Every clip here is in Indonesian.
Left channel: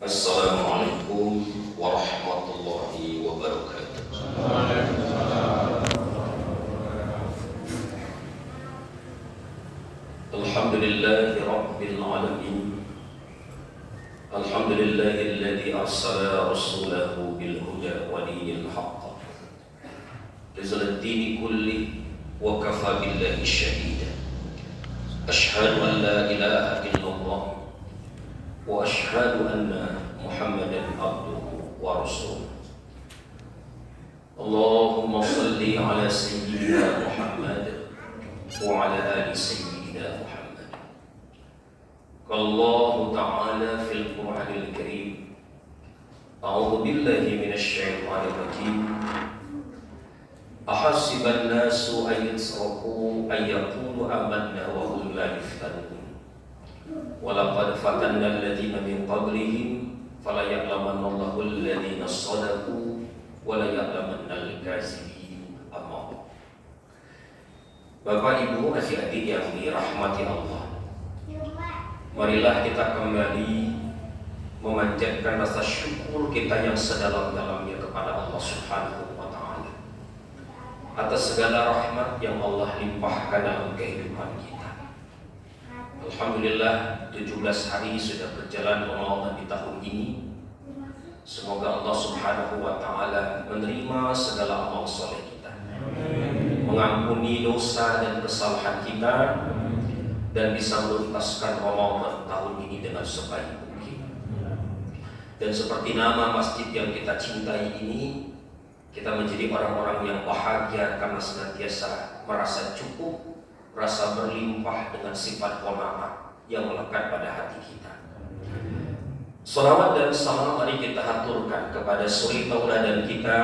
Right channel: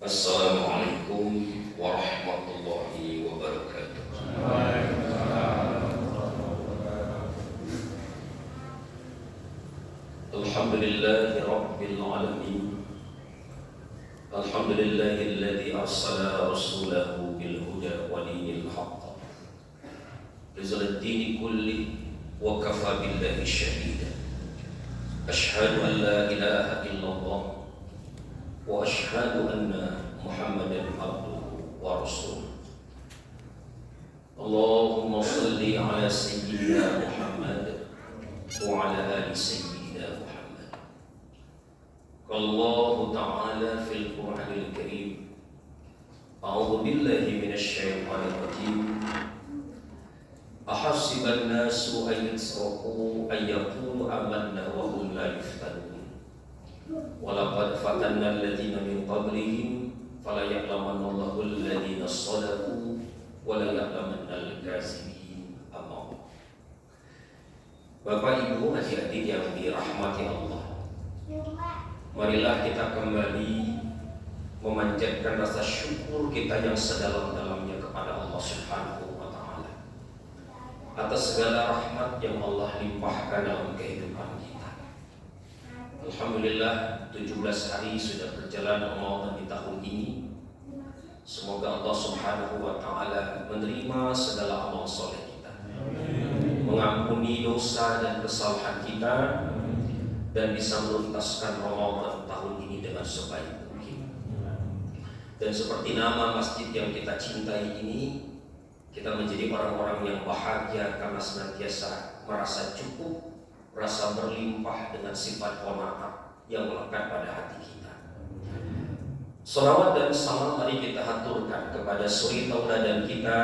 Assalamualaikum warahmatullahi wabarakatuh. Alhamdulillahi rabbil alamin. Alhamdulillahilladzi arsala rasulahu bil huda wa dinil haqq. Rizal dini kulli wa kafa billahi shahida. Ashhadu an la ilaha illallah wa ashhadu anna Muhammadan abduhu wa rasuluh. Allahumma salli ala sayyidina Muhammad wa ala ali sayyidina Muhammad. Qallahu ta'ala fil Qur'anil Karim. A'udzu billahi minasy syaithanir rajim. Ahasiban nasu an yusraku ay yaqulu amanna wa hum la yuftanun. Walaqad fatanna alladziina min qablihim fala ya'lamanna Allahu alladziina shadaqu wa la ya'lamanna al-kadzibin. Amma Bapak Ibu adik-adik yang dirahmati Allah, marilah kita kembali memanjatkan rasa syukur kita yang sedalam-dalamnya kepada Allah Subhanahu wa taala atas segala rahmat yang Allah limpahkan dalam kehidupan kita. Alhamdulillah 17 hari sudah berjalan Ramadan di tahun ini. Semoga Allah Subhanahu wa taala menerima segala amal soleh kita, mengampuni dosa dan kesalahan kita, dan bisa menuntaskan Ramadan tahun ini dengan sebaik mungkin. Dan seperti nama masjid yang kita cintai ini, kita menjadi orang-orang yang bahagia karena senantiasa merasa cukup, rasa berlimpah dengan sifat qanaat yang melekat pada hati kita. Salawat dan salam mari kita haturkan kepada suri tauladan kita,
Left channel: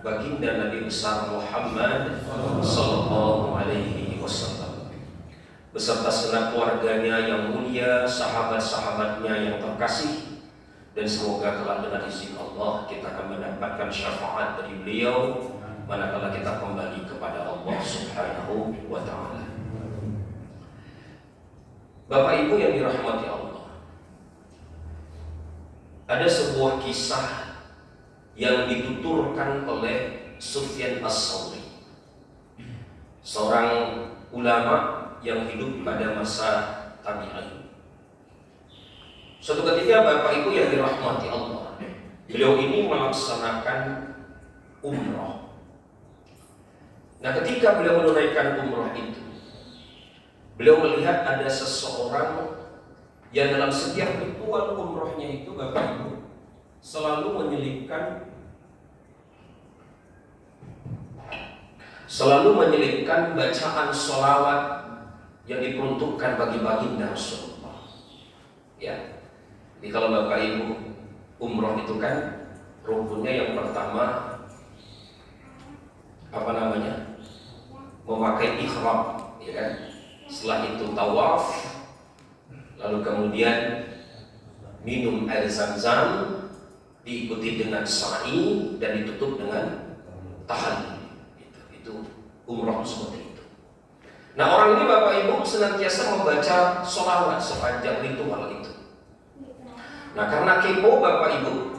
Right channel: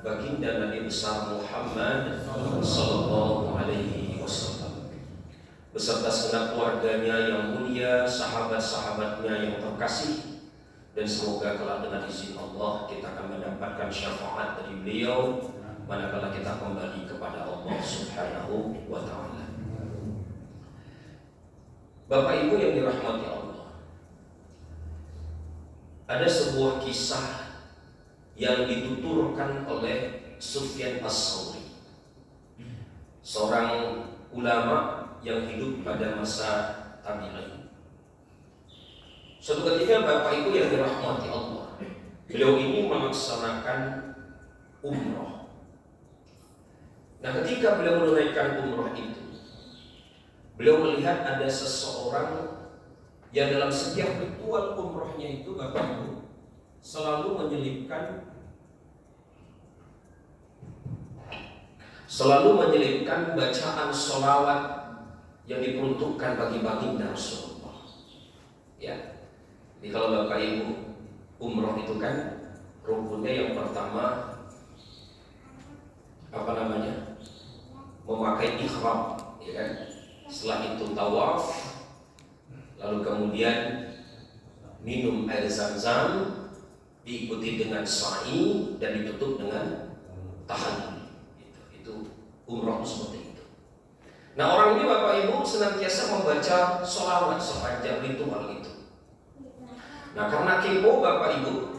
baginda Nabi besar Muhammad sallallahu alaihi wasallam, beserta segenap keluarganya yang mulia, sahabat-sahabatnya yang terkasih, dan semoga kelak dengan izin Allah kita akan mendapatkan syafaat dari beliau manakala kita kembali kepada Allah Subhanahu wa taala. Bapak Ibu yang dirahmati Allah, ada sebuah kisah yang dituturkan oleh Sufyan As-Tsauri, seorang ulama yang hidup pada masa tabi'in. Suatu ketika Bapak Ibu yang dirahmati Allah, beliau ini melaksanakan umrah. Nah, ketika beliau menunaikan umrah itu, beliau melihat ada seseorang yang dalam setiap ritual umrohnya itu, Bapak Ibu, selalu menyelipkan bacaan sholawat yang diperuntukkan bagi baginda Rasulullah. Ya, jadi kalau Bapak Ibu umroh itu kan rukunnya yang pertama memakai ihram, ya kan? Setelah itu tawaf, lalu kemudian minum air zam-zam, diikuti dengan sa'i dan ditutup dengan tahallul. Itu umrah seperti itu. Nah, orang ini Bapak Ibu senantiasa membaca sholawat sepanjang ritual itu. Nah, karena kepo Bapak Ibu,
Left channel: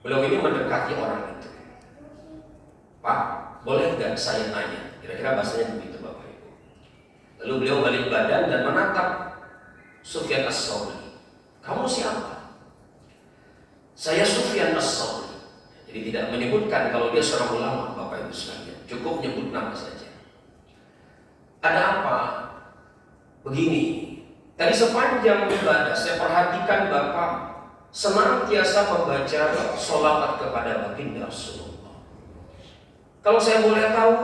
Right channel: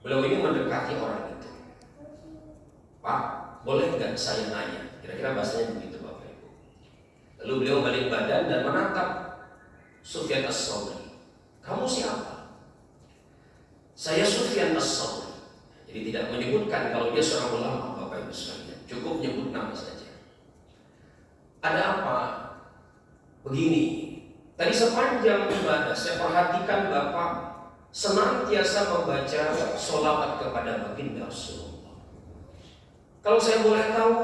beliau ini mendekati orang itu. Pak, boleh nggak saya nanya? Kira-kira bahasanya begitu Bapak Ibu. Lalu beliau balik badan dan menatap Sufyan As-Tsauri. Kamu siapa? Saya Sufyan As-Tsauri. Jadi tidak menyebutkan kalau dia seorang ulama, Bapak Ibu sekalian. Cukup nyebut nama saja. Ada apa? Begini. Tadi sepanjang ibadah saya perhatikan Bapak senantiasa membaca sholawat kepada baginda Rasulullah. Kalau saya boleh tahu,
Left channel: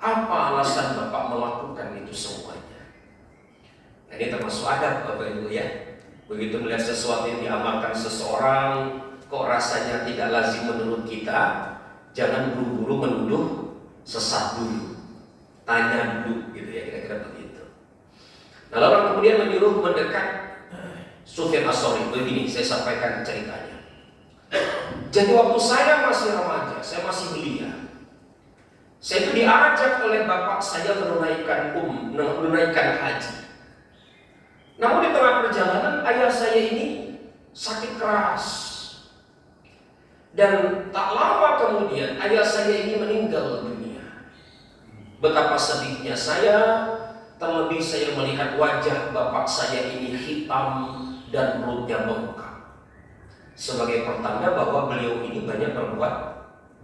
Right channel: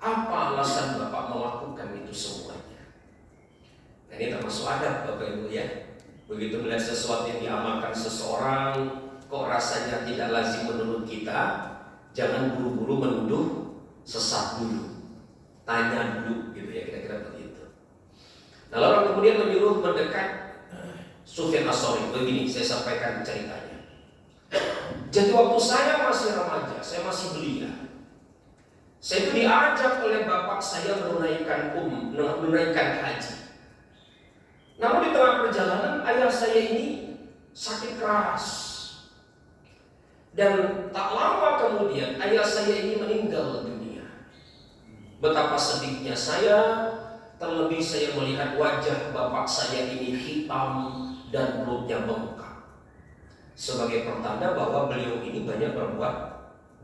apa alasan Bapak melakukan itu semuanya? Nah, ini termasuk adab Bapak Ibu ya. Begitu melihat sesuatu yang diamalkan seseorang, kok rasanya tidak lazim menurut kita, jangan buru-buru menuduh, sesat dulu, tanya dulu, gitu ya, kira-kira begitu. Lalu orang kemudian menyuruh mendekat Sufyan As-Tsauri. Begini saya sampaikan ceritanya. Jadi waktu saya masih remaja, saya masih belia, saya itu diajak oleh bapak saya menunaikan haji. Namun di tengah perjalanan ayah saya ini sakit keras. Dan tak lama kemudian ayah saya ini meninggal dunia. Betapa sedihnya saya, terlebih saya melihat wajah bapak saya ini hitam dan perutnya bengkak. Sebagai pertanda bahwa beliau ini banyak berbuat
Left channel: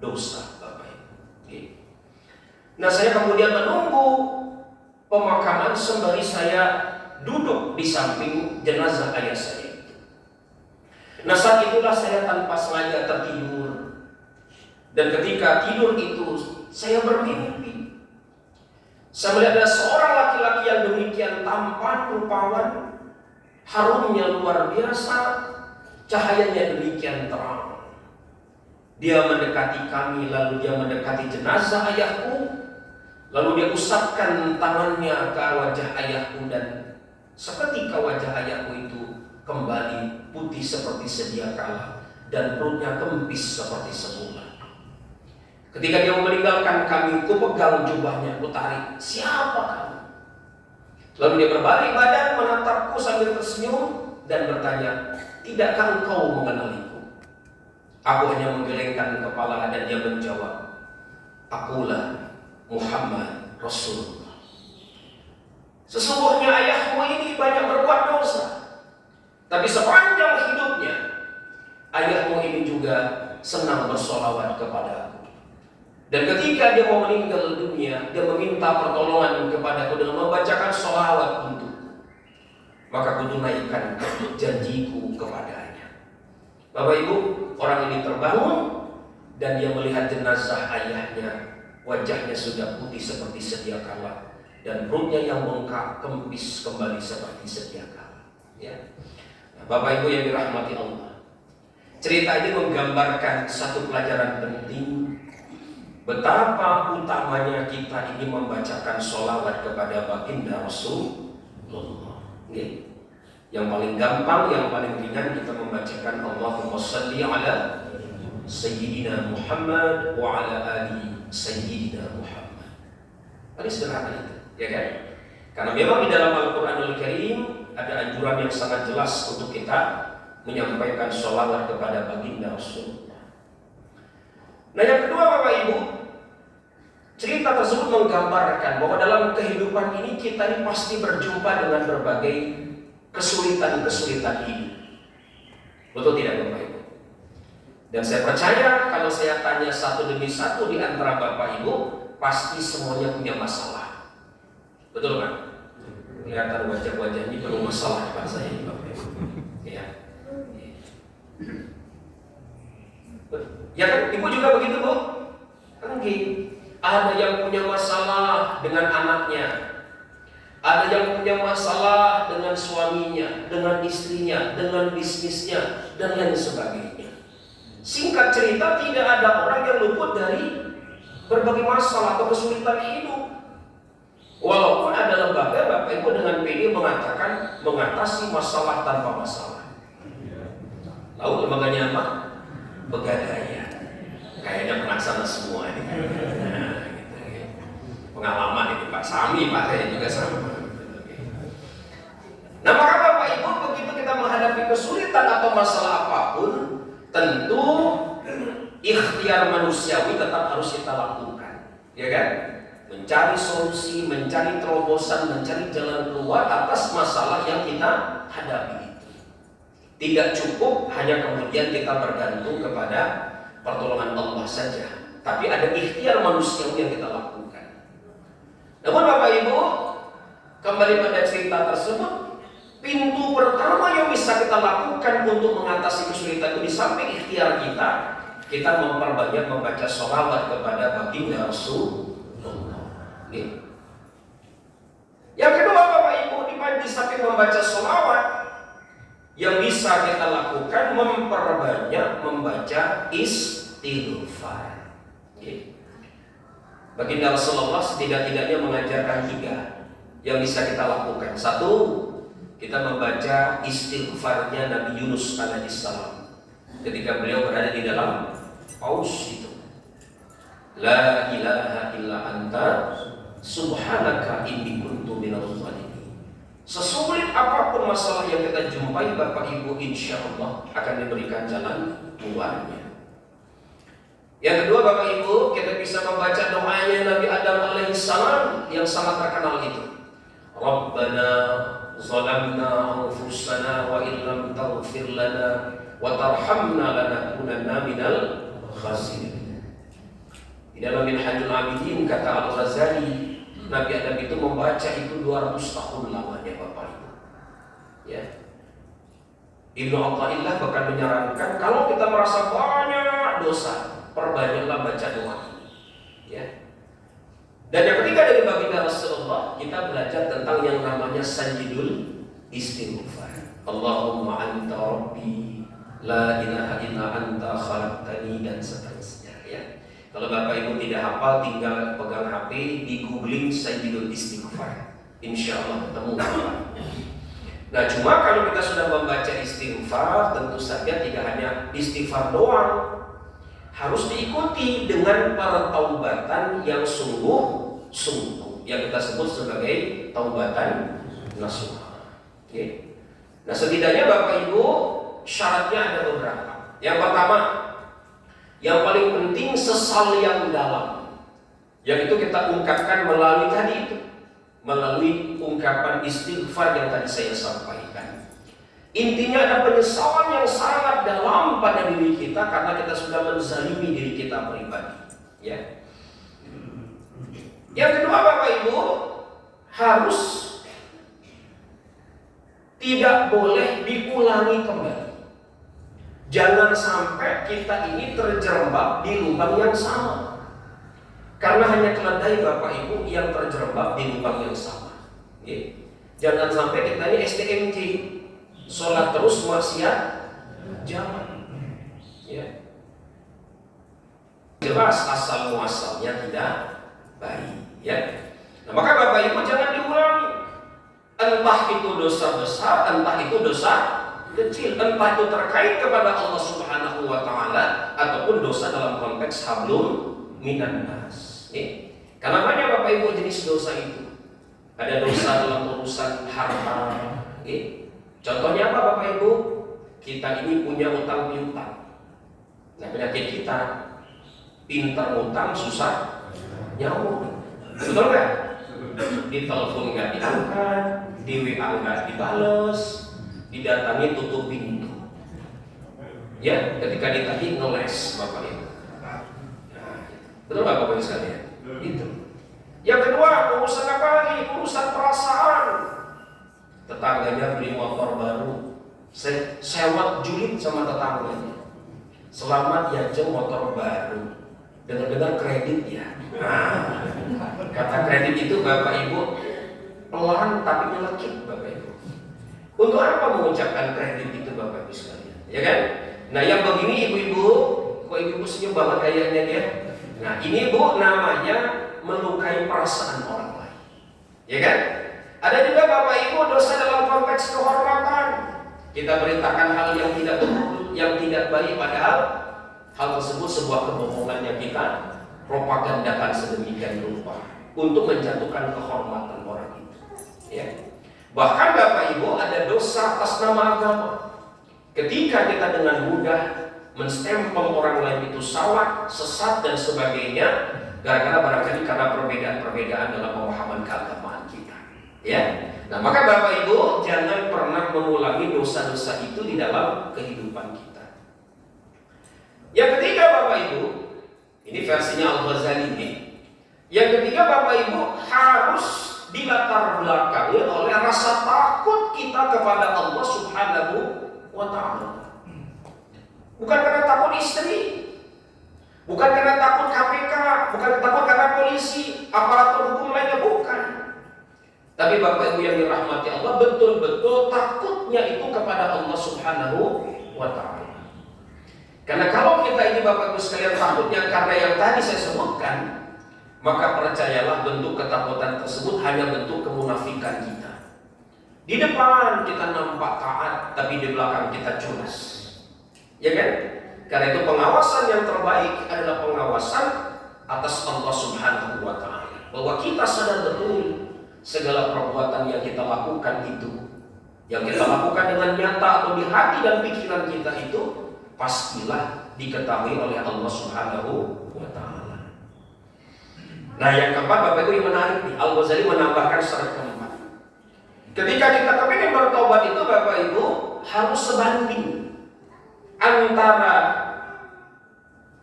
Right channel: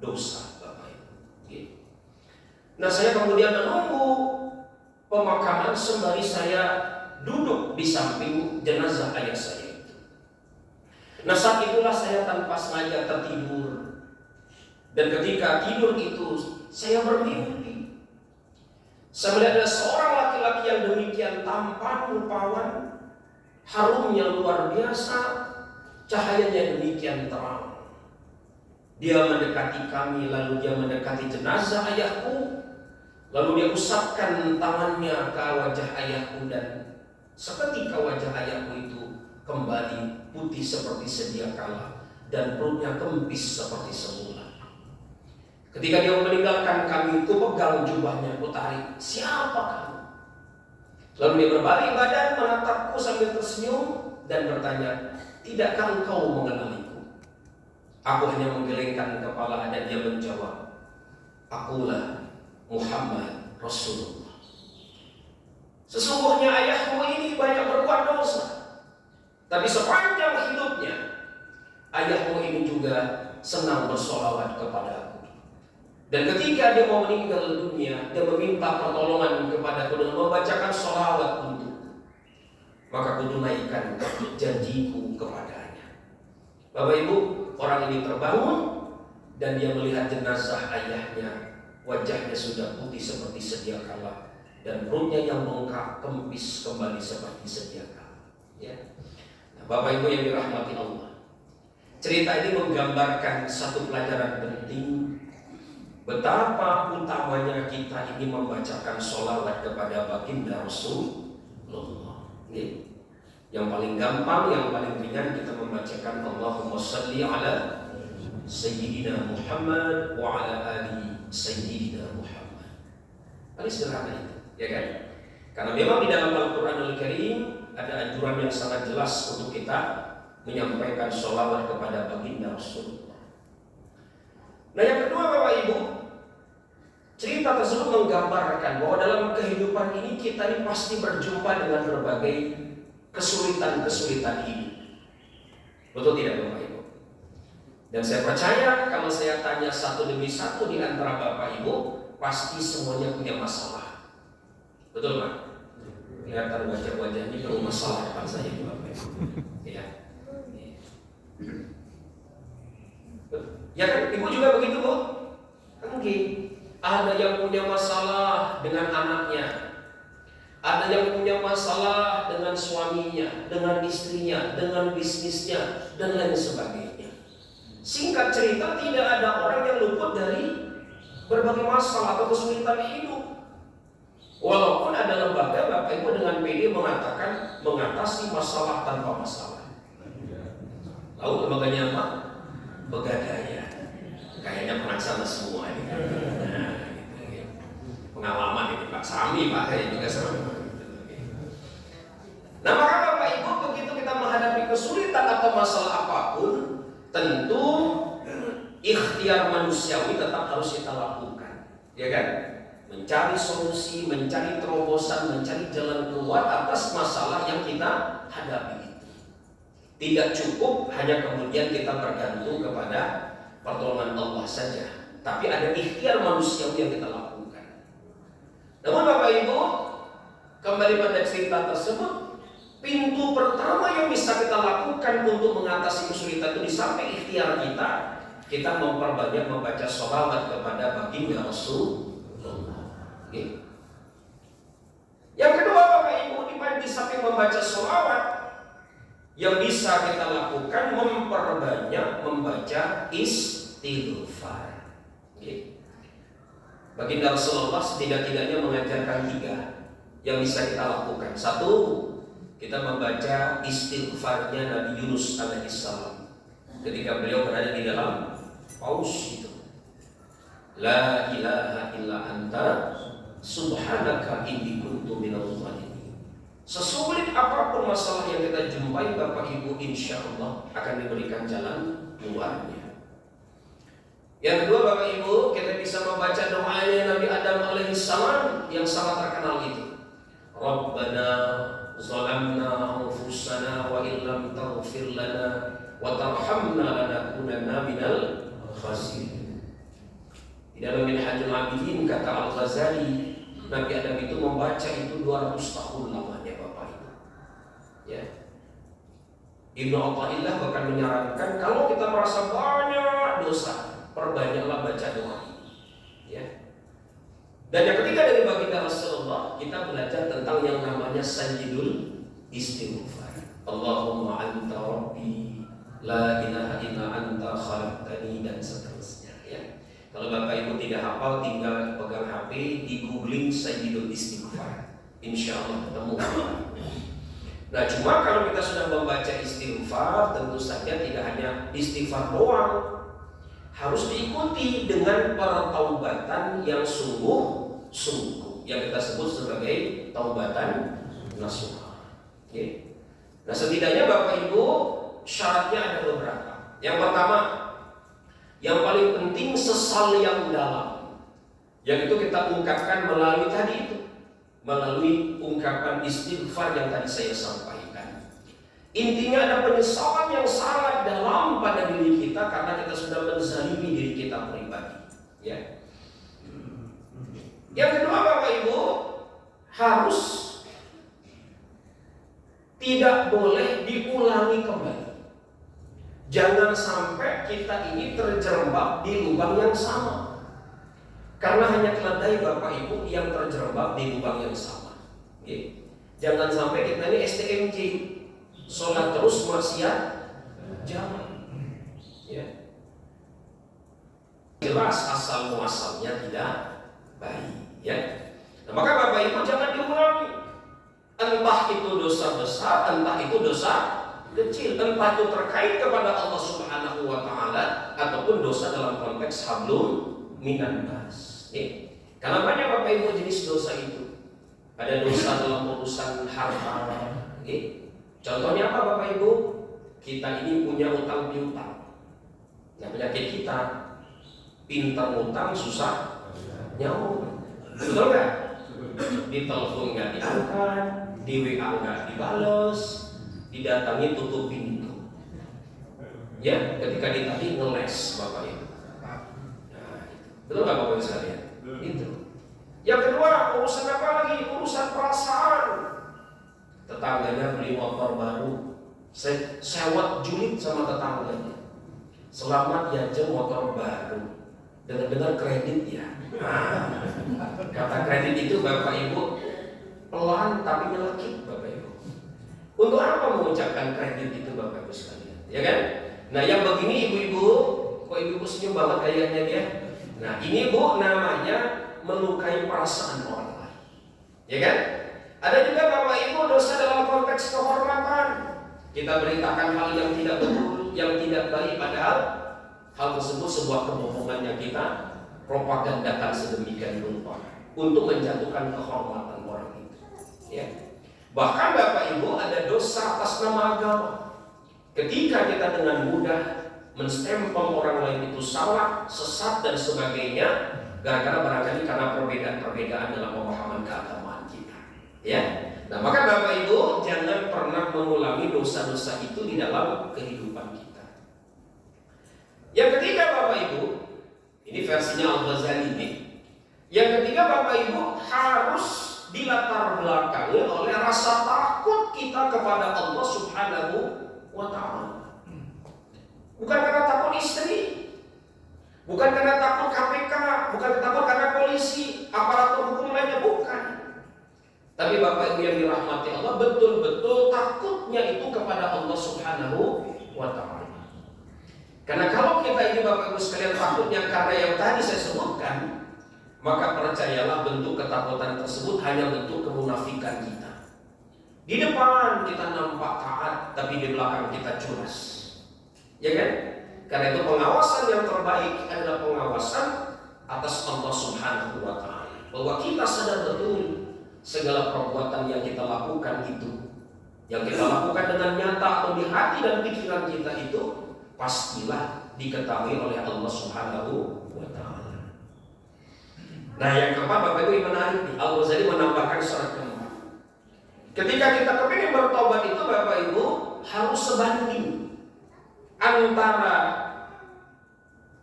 dosa, Bapak Ibu. Nah, saya kemudian menunggu pemakaman sembari saya duduk di samping jenazah ayah saya. Nah, saat itulah saya tanpa sengaja tertidur. Dan ketika tidur itu saya bermimpi. Saya melihat ada seorang laki-laki yang demikian tampan rupawan, harumnya luar biasa, cahayanya demikian terang. Dia mendekati kami, lalu dia mendekati jenazah ayahku, lalu dia usapkan tangannya ke wajah ayahku, dan seketika wajah ayahku itu kembali putih seperti sedia kala dan perutnya kempis seperti semula. Ketika dia meninggalkan kami, ku pegang jubahnya, ku tarik, "Siapa kamu?" Lalu dia berbalik badan menatapku sambil tersenyum dan bertanya, "Tidakkah engkau mengenaliku?" Aku hanya menggelengkan kepala dan dia menjawab, "Akulah Muhammad Rasulullah." Sesungguhnya ayahmu ini banyak berbuat dosa, tapi sepanjang hidupnya ayahmu ini juga senang bersolawat kepada aku. Dan ketika dia mau meninggal dunia, dia meminta pertolongan kepadaku dengan membacakan sholawat untukku. Maka aku tunaikan janjiku kepadanya. Bapak Ibu, orang ini terbangun dan dia melihat jenazah ayahnya. Wajahnya sudah putih seperti sedia kala dan perutnya yang bengkak kempis kembali seperti sedia kala. Ya. Nah, Bapak Ibu yang dirahmati Allah, cerita ini menggambarkan satu pelajaran penting. Betapa utamanya kita ini membacakan sholawat kepada baginda Rasulullah. Yang paling gampang, yang paling ringan kita membacakan Allahumma salli ala Sayyidina Muhammad wa ala ali Sayyidina Muhammad. Paling sederhana itu, ya kan? Karena memang di dalam Al-Quranul Karim ada anjuran yang sangat jelas untuk kita menyampaikan sholawat kepada baginda Rasulullah. Nah, yang kedua Bapak Ibu, cerita tersebut menggambarkan bahwa dalam kehidupan ini kita ini pasti berjumpa dengan berbagai kesulitan-kesulitan hidup. Betul tidak Bapak Ibu? Dan saya percaya kalau saya tanya satu demi satu di antara Bapak Ibu, pasti semuanya punya masalah. Betul kan? Kelihatan wajah-wajah ini penuh masalah depan saya ini Bapak Ibu. Ya. Ya kan, Ibu juga begitu Bu? Kan gitu. Ada yang punya masalah dengan anaknya, ada yang punya masalah dengan suaminya, dengan istrinya, dengan bisnisnya, dan lain sebagainya. Singkat cerita, tidak ada orang yang luput dari berbagai masalah atau kesulitan hidup. Walaupun ada lembaga Bapak Ibu dengan pede mengatakan mengatasi masalah tanpa masalah. Lalu lembaganya apa? Pegadaian. Kayaknya pelaksana semua ini. Nah, pengalaman ini Pak Sami, Pak saya juga sama. Nah, maka Bapak Ibu, begitu kita menghadapi kesulitan atau masalah apapun, tentu ikhtiar manusiawi tetap harus kita lakukan, ya kan? Mencari solusi, mencari terobosan, mencari jalan keluar atas masalah yang kita hadapi. Tidak cukup hanya kemudian kita bergantung kepada pertolongan Allah saja, tapi ada ikhtiar manusiawi yang kita lakukan. Namun Bapak Ibu, kembali pada cerita tersebut, pintu pertama yang bisa kita lakukan untuk mengatasi kesulitan itu di samping ikhtiar kita memperbanyak membaca sholawat kepada baginda Rasulullah. Yang kedua Bapak Ibu, di samping membaca sholawat, yang bisa kita lakukan memperbanyak membaca istighfar. Baginda Rasulullah setidak-tidaknya mengajarkan 3 yang bisa kita lakukan. 1, kita membaca istighfarnya Nabi Yunus alaihissalam ketika beliau berada di dalam paus itu. La ilaha illa anta subhanaka inni kuntu minadh dhalimin. Sesulit apapun masalah yang kita jumpai, Bapak Ibu, insya Allah akan diberikan jalan keluarnya. Yang kedua, Bapak Ibu, kita bisa membaca doanya Nabi Adam alaihissalam yang sangat terkenal itu. Rabbana zalamna anfusana wa illam taghfir lana wa tarhamna lanakunanna minal khasirin. Di dalam Minhajul Abidin kata Al-Ghazali, Nabi Adam itu membaca itu 200 tahun lamanya, Bapak Ibu. Ya. Ibnu Athaillah bahkan menyarankan kalau kita merasa banyak dosa, perbanyaklah baca doa ini. Ya. Dan yang ketiga dari baginda Rasulullah, kita belajar tentang yang namanya Sayyidul Istighfar. Allahumma anta rabbi la ilaha illa anta khalaqtani, dan seterusnya, ya. Kalau Bapak Ibu tidak hafal, tinggal pegang HP, di googling Sayyidul Istighfar, insya Allah ketemu. Nah, cuma kalau kita sudah membaca istighfar, tentu saja tidak hanya istighfar doang, harus diikuti dengan pertaubatan yang sungguh-sungguh, yang kita sebut sebagai taubatan nasuha. Okay. Nah, setidaknya Bapak Ibu, syaratnya ada beberapa. Yang pertama, yang paling penting sesal yang dalam, yang itu kita ungkapkan melalui tadi itu, melalui ungkapan istighfar yang tadi saya sampaikan. Intinya ada penyesalan yang sangat dalam pada diri kita karena kita sudah menzalimi diri kita pribadi. Ya. Yang kedua, Bapak Ibu, harus tidak boleh diulangi kembali. Jangan sampai kita ini terjerembab di lubang yang sama. Karena hanya keledai, Bapak Ibu, yang terjerembab di lubang yang sama. Ya. Jangan sampai kita ini STMJ, sholat terus maksiat jangan. Ya. Jelas asal muasalnya tidak baik. Ya. Nah, maka Bapak Ibu jangan diulangi. Entah itu dosa besar, entah itu dosa kecil, entah itu terkait kepada Allah Subhanahu wa Ta'ala ataupun dosa dalam konteks hablum minan nas. Karena banyak Bapak Ibu jenis dosa itu. Ada dosa dalam urusan harta. Contohnya apa, Bapak Ibu? Kita ini punya utang piutang. Nah, penyakit kita pintar utang, susah nyambung. Betul nggak? Di telepon nggak diangkat, di WA nggak dibales, didatangi tutup pintu. Ya, ketika ditagih ngeles, Bapak Ibu. Nah, betul nggak Bapak Ibu sekalian? Itu. Yang kedua, urusan apa lagi? Urusan perasaan. Tetangganya beli motor baru, saya sewa julid sama tetangganya. Selamat ya jeng motor baru. Dengar-dengar kredit ya. Nah, kata kredit itu Bapak Ibu pelan tapi nyelekit, Bapak Ibu. Untuk apa mengucapkan kredit itu, Bapak Ibu sekalian? Ya kan? Nah, yang begini ibu-ibu, kok ibu-ibu senyum banget kayaknya dia? Nah, ini Bu namanya melukai perasaan orang lain. Ya kan? Ada juga Bapak Ibu dosa dalam konteks kehormatan. Kita beritakan hal yang tidak betul, yang tidak baik, padahal hal tersebut sebuah kebohongan yang kita propagandakan sedemikian rupa untuk menjatuhkan kehormatan orang itu. Ya. Bahkan Bapak Ibu ada dosa atas nama agama. Ketika kita dengan mudah menstempel orang lain itu salah, sesat dan sebagainya, gara-gara barangkali karena perbedaan-perbedaan dalam pemahaman keagamaan kita. Ya. Nah, maka Bapak Ibu jangan pernah mengulangi dosa-dosa itu di dalam kehidupan kita. Yang ketiga, Bapak Ibu, ini versinya Al-Ghazali ini. Yang ketiga, Bapak Ibu, harus dilatar belakangi oleh rasa takut kita kepada Allah Subhanahu wa Ta'ala. Bukan karena takut istri, bukan karena takut KPK, bukan takut karena polisi, aparatur hukum lainnya, bukan. Tapi Bapak Ibu yang dirahmati Allah, betul-betul takutnya itu kepada Allah Subhanahu wa Ta'ala. Karena kalau kita ini Bapak Ibu sekalian takutnya karena yang tadi saya sebutkan, maka percayalah bentuk ketakutan tersebut hanya bentuk kemunafikan kita. Di depan kita nampak taat, tapi di belakang kita culas. Ya kan? Karena itu pengawasan yang terbaik adalah pengawasan atas Allah Subhanahu wa Ta'ala. Bahwa kita sadar betul segala perbuatan yang kita lakukan itu, yang kita lakukan dengan nyata atau di hati dan pikiran kita itu, pastilah diketahui oleh Allah Subhanahu wa Ta'ala. Nah, yang keempat, Bapak Ibu, yang menarik nih, Al-Ghazali menambahkan syarat keempat. Ketika kita kepingin bertobat itu, Bapak Ibu, harus sebanding antara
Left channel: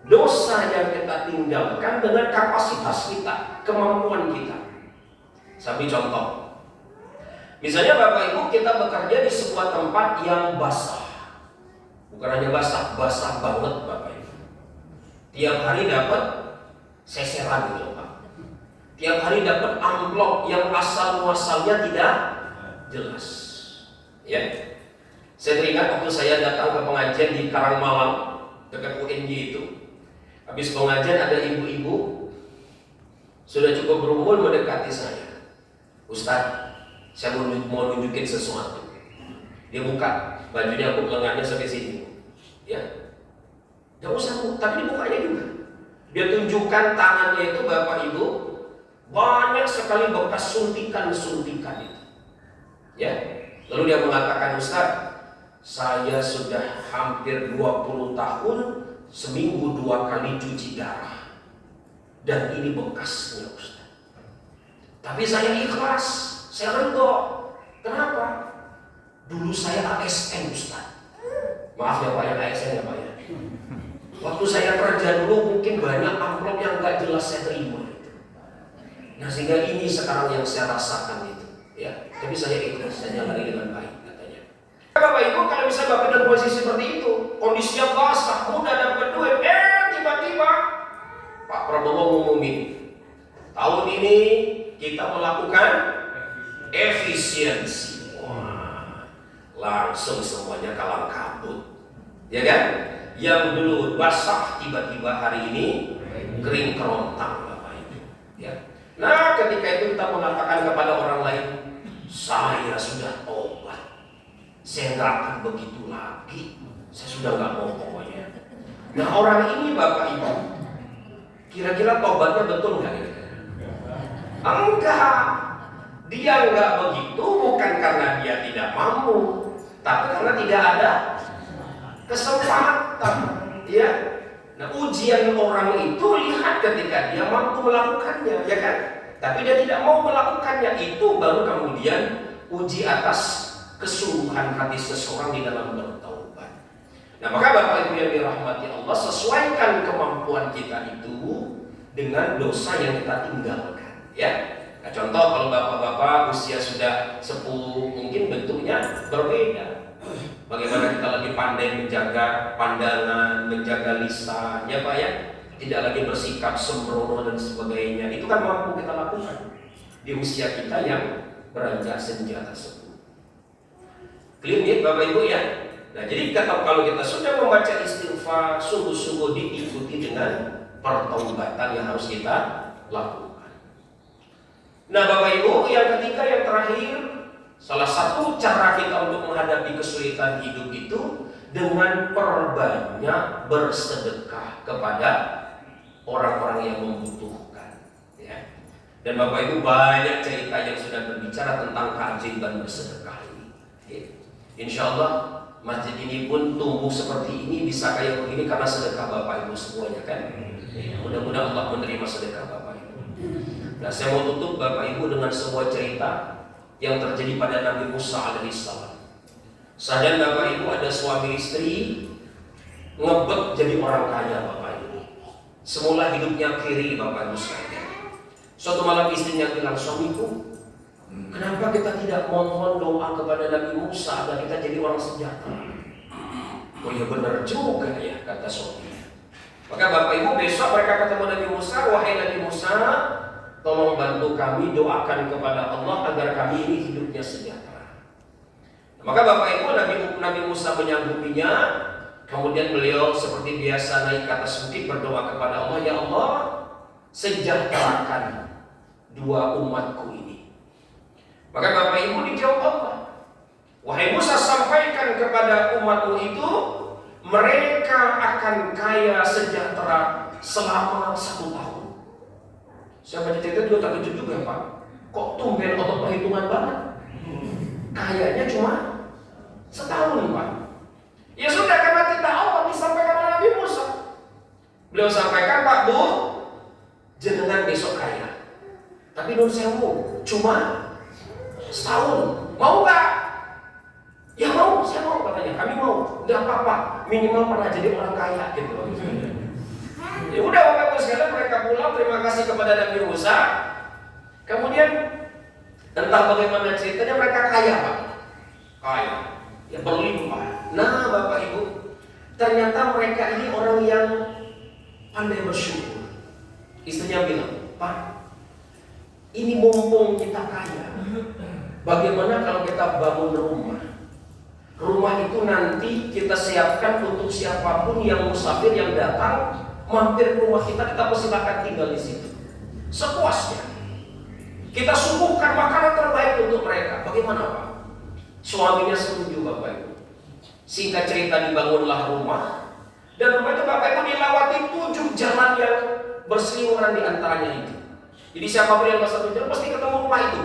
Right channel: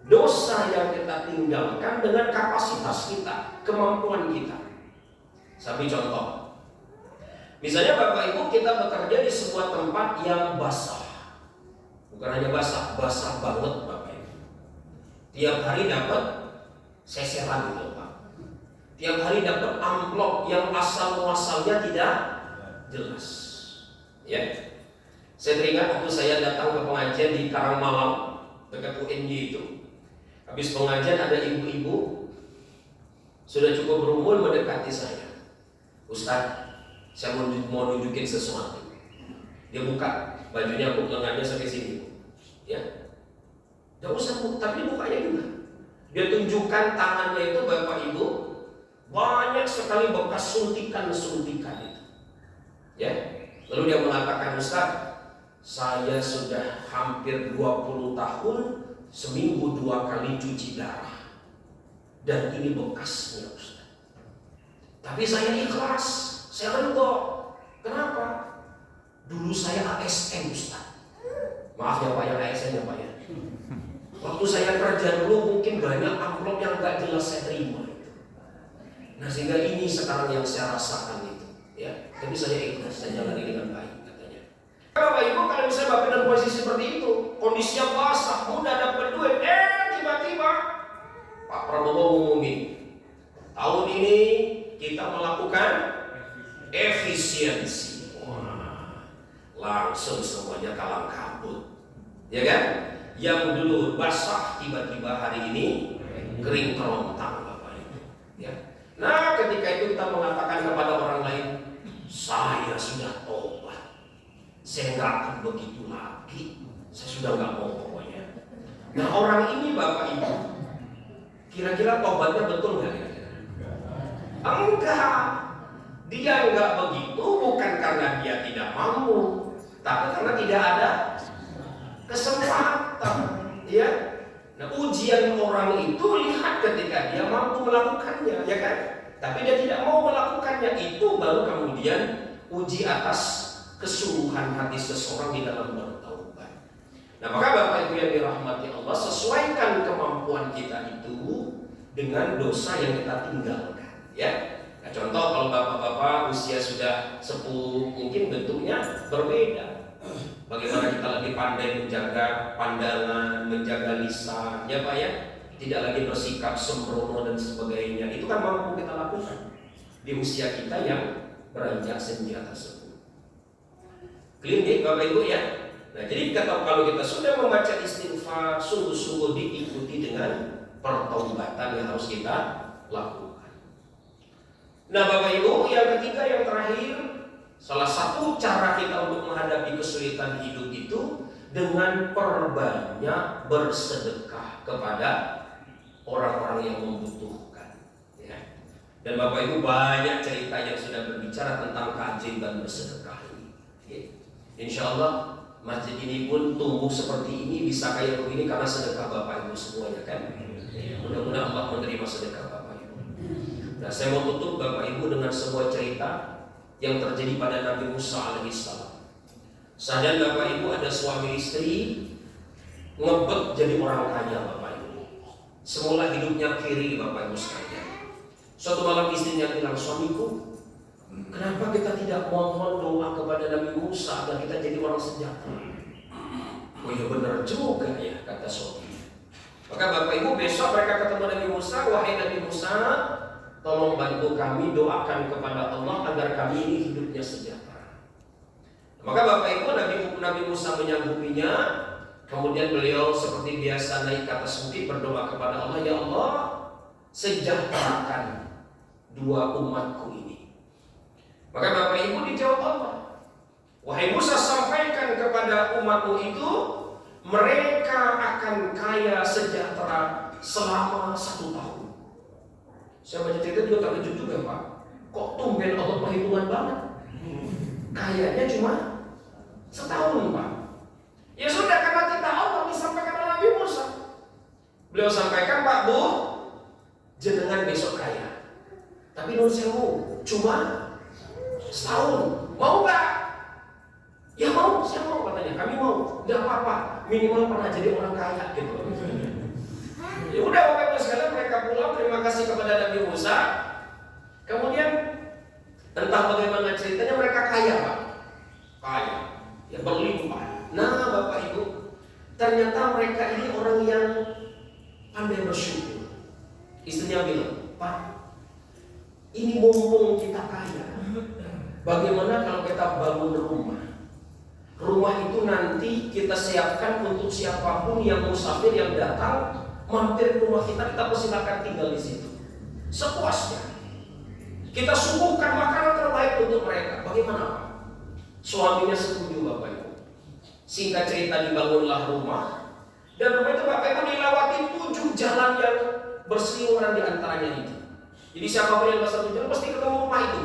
dosa yang kita tinggalkan dengan kapasitas kita, kemampuan kita. Saya beri contoh. Misalnya Bapak Ibu, kita bekerja di sebuah tempat yang basah. Bukan hanya basah, basah banget Bapak Ibu. Tiap hari dapat seseran gitu Pak. Tiap hari dapat amplop yang asal muasalnya tidak jelas. Ya. Saya teringat waktu saya datang ke pengajian di Karangmalang dekat UNJ itu. Habis pengajian ada ibu-ibu sudah cukup berumur mendekati saya. Ustaz, saya mau nunjukin sesuatu. Dia buka bajunya, lengannya sampai sini. Ya, gak usah, tapi dibukanya juga. Dia tunjukkan tangannya itu Bapak Ibu, banyak sekali bekas suntikan-suntikan itu. Ya, lalu dia mengatakan, Ustaz, saya sudah hampir 20 tahun seminggu 2 kali cuci darah, dan ini bekasnya Ustaz. Tapi saya ikhlas, saya ridho. Kenapa? Dulu saya ASN Ustaz. Maaf ya Pak, yang ASN ya Pak ya. Waktu saya kerja dulu mungkin banyak amplop yang gak jelas saya terima. Nah, sehingga ini sekarang yang saya rasakan itu. Ya, tapi saya ikhlas, saya jalani dengan baik katanya. Bapak Ibu, kalau misalnya Bapak dalam posisi seperti itu, kondisinya basah, mudah dapat duit, tiba-tiba Pak Prabowo ngumumin, tahun ini kita melakukan efisiensi. Wah, langsung semuanya kalang kabut, ya kan? Yang dulu basah tiba-tiba hari ini kering kerontang Bapak Ibu. Ya. Nah, ketika itu kita mengatakan kepada orang lain, saya sudah tobat, saya nggak akan begitu lagi, saya sudah nggak mau pokoknya. Nah, orang ini Bapak Ibu, kira-kira tobatnya betul nggak? Enggak. Dia enggak begitu bukan karena dia tidak mampu, tapi karena tidak ada kesempatan. Ya. Nah, ujian orang itu lihat ketika dia mampu melakukannya, ya kan? Tapi dia tidak mau melakukannya, itu baru kemudian uji atas kesungguhan hati seseorang di dalam bertaubat. Nah, maka Bapak Ibu yang dirahmati Allah, sesuaikan kemampuan kita itu dengan dosa yang kita tinggalkan, ya. Nah, contoh kalau bapak-bapak usia sudah sepuh, mungkin bentuknya berbeda. Bagaimana kita lebih pandai menjaga pandangan, menjaga lisan, ya Pak ya. Tidak lagi bersikap sembrono dan sebagainya. Itu kan mampu kita lakukan di usia kita yang beranjak senja tersebut. Clear ya Bapak Ibu ya. Nah, jadi kalau kita sudah membaca istighfar, sungguh-sungguh diikuti dengan pertaubatan yang harus kita lakukan. Nah Bapak Ibu, yang ketiga, yang terakhir, salah satu cara kita untuk menghadapi kesulitan hidup itu dengan perbanyak bersedekah kepada orang-orang yang membutuhkan, ya. Dan Bapak Ibu, banyak cerita yang sudah berbicara tentang keajaiban bersedekah ini, ya. Insya Allah masjid ini pun tumbuh seperti ini, bisa kayak begini karena sedekah Bapak Ibu semuanya kan, ya. Mudah-mudahan Allah menerima sedekah Bapak Ibu. Nah, saya mau tutup Bapak Ibu dengan sebuah cerita yang terjadi pada Nabi Musa alaihissalam. Sadar Bapak Ibu, ada suami istri ngebet jadi orang kaya Bapak Ibu. Semula hidupnya kiri Bapak Ibu sekalian. Suatu malam istrinya bilang, suamiku, kenapa kita tidak mohon doa kepada Nabi Musa agar kita jadi orang sejahtera? Oh ya benar juga ya, kata suaminya. Maka Bapak Ibu, besok mereka ketemu Nabi Musa, wahai Nabi Musa, tolong bantu kami, doakan kepada Allah agar kami ini hidupnya sejahtera. Maka Bapak Ibu, Nabi Musa menyanggupinya. Kemudian beliau seperti biasa naik ke atas bukit berdoa kepada Allah, ya Allah, sejahterakan dua umatku ini. Maka Bapak Ibu dijawab Allah, wahai Musa, sampaikan kepada umatmu itu, mereka akan kaya sejahtera selama 1 tahun. Saya baca cerita juga tak kejut juga Pak. Kok tumben Allah perhitungan banget? Kayaknya cuma setahun Pak. Ya sudah, karena kita Allah disampaikan oleh Nabi Musa. Beliau sampaikan, Pak Bu, jenengan besok kaya. Tapi Nur Sewu cuma setahun. Mau gak? Ya mau, saya mau katanya. Kami mau. Gak apa-apa. Minimal pernah jadi orang kaya gitu. Ya udah Bapak Ibu sekalian, mereka pulang. Terima kasih kepada Nabi Musa. Kemudian entah bagaimana ceritanya mereka kaya Pak. Kaya. Ya berlimpah. Nah Bapak Ibu, ternyata mereka ini orang yang pandai bersyukur. Istrinya bilang, Pak, ini mumpung kita kaya, bagaimana kalau kita bangun rumah? Rumah itu nanti kita siapkan untuk siapapun yang musafir yang datang mampir ke rumah kita persilakan tinggal di situ sepuasnya. Kita suguhkan makanan terbaik untuk mereka. Bagaimana Pak? Suaminya setuju Bapak Ibu. Singkat cerita dibangunlah rumah. Dan rumah itu Bapak Ibu dilewati 7 jalan yang berseliweran di antaranya itu. Jadi siapapun yang masuk jalan pasti ketemu rumah itu.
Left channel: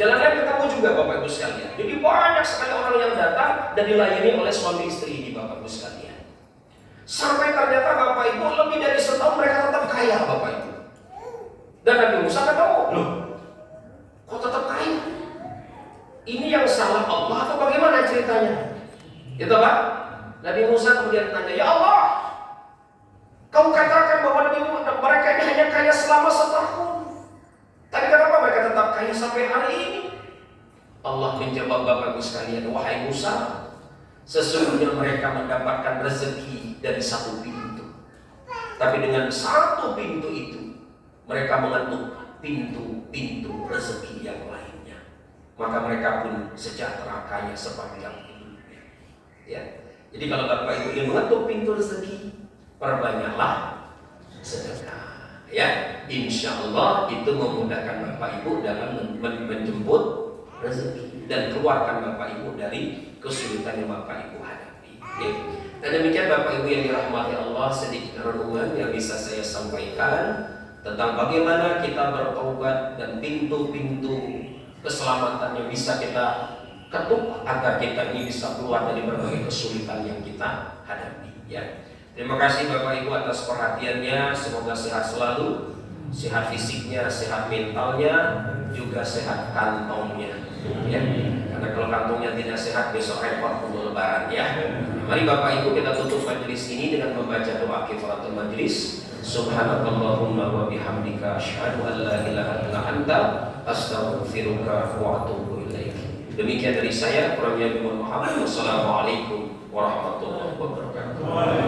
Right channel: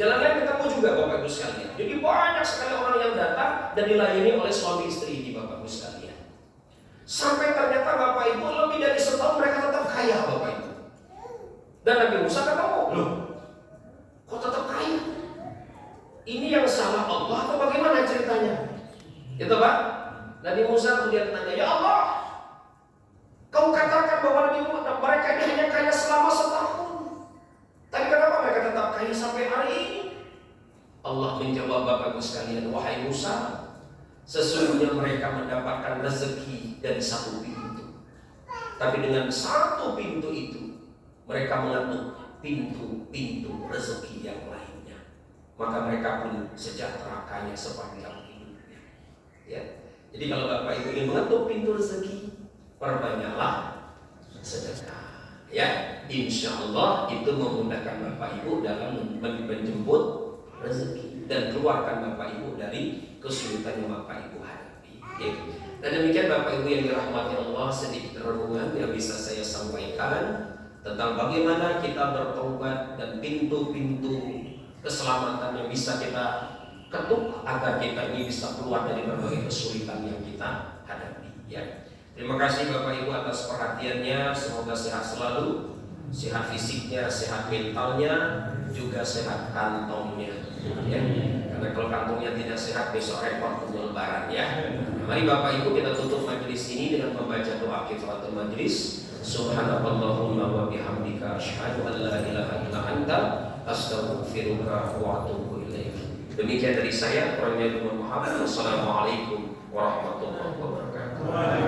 Jalannya ketemu juga Bapak Ibu sekalian. Jadi banyak sekali orang yang datang dan dilayani oleh suami istri ini Bapak Ibu sekalian. Sampai ternyata Bapak Ibu lebih dari setahun mereka tetap kaya Bapak Ibu. Dan Nabi Musa ketemu, loh, kok tetap kaya? Ini yang salah Allah atau bagaimana ceritanya? Itu Pak. Nabi Musa kemudian tanya, ya Allah, kamu katakan bahwa mereka ini hanya kaya selama setahun. Tapi kenapa mereka tetap kaya sampai hari ini? Allah menjawab Bapak Ibu sekalian, wahai Musa, sesungguhnya mereka mendapatkan rezeki dari satu pintu. Tapi dengan satu pintu itu, mereka mengetuk pintu-pintu rezeki yang lainnya. Maka mereka pun sejahtera kaya sepanjang hidupnya. Ya. Jadi kalau Bapak Ibu ingin mengetuk pintu rezeki, perbanyaklah sedekah. Ya, insya Allah itu memudahkan Bapak Ibu dalam menjemput rezeki dan keluarkan Bapak Ibu dari kesulitan yang Bapak Ibu hadapi. Ya. Dan demikian Bapak Ibu yang dirahmati Allah, sedikit renungan yang bisa saya sampaikan tentang bagaimana kita bertobat dan pintu-pintu keselamatan yang bisa kita ketuk agar kita ini bisa keluar dari berbagai kesulitan yang kita hadapi. Ya. Terima kasih Bapak Ibu atas perhatiannya. Semoga sehat selalu, sehat fisiknya, sehat mentalnya, juga sehat kantongnya. Ya. Karena kalau kantongnya tidak sehat besok repot untuk lebaran ya. Mari Bapak Ibu kita tutup majelis ini dengan membaca doa kifaratul majelis. Subhanakallahumma wa bihamdika asyhadu an la ilaha illa anta astaghfiruka wa atubu ilaik. Demikian dari saya, kurangnya mohon maaf. Wassalamualaikum warahmatullahi wabarakatuh.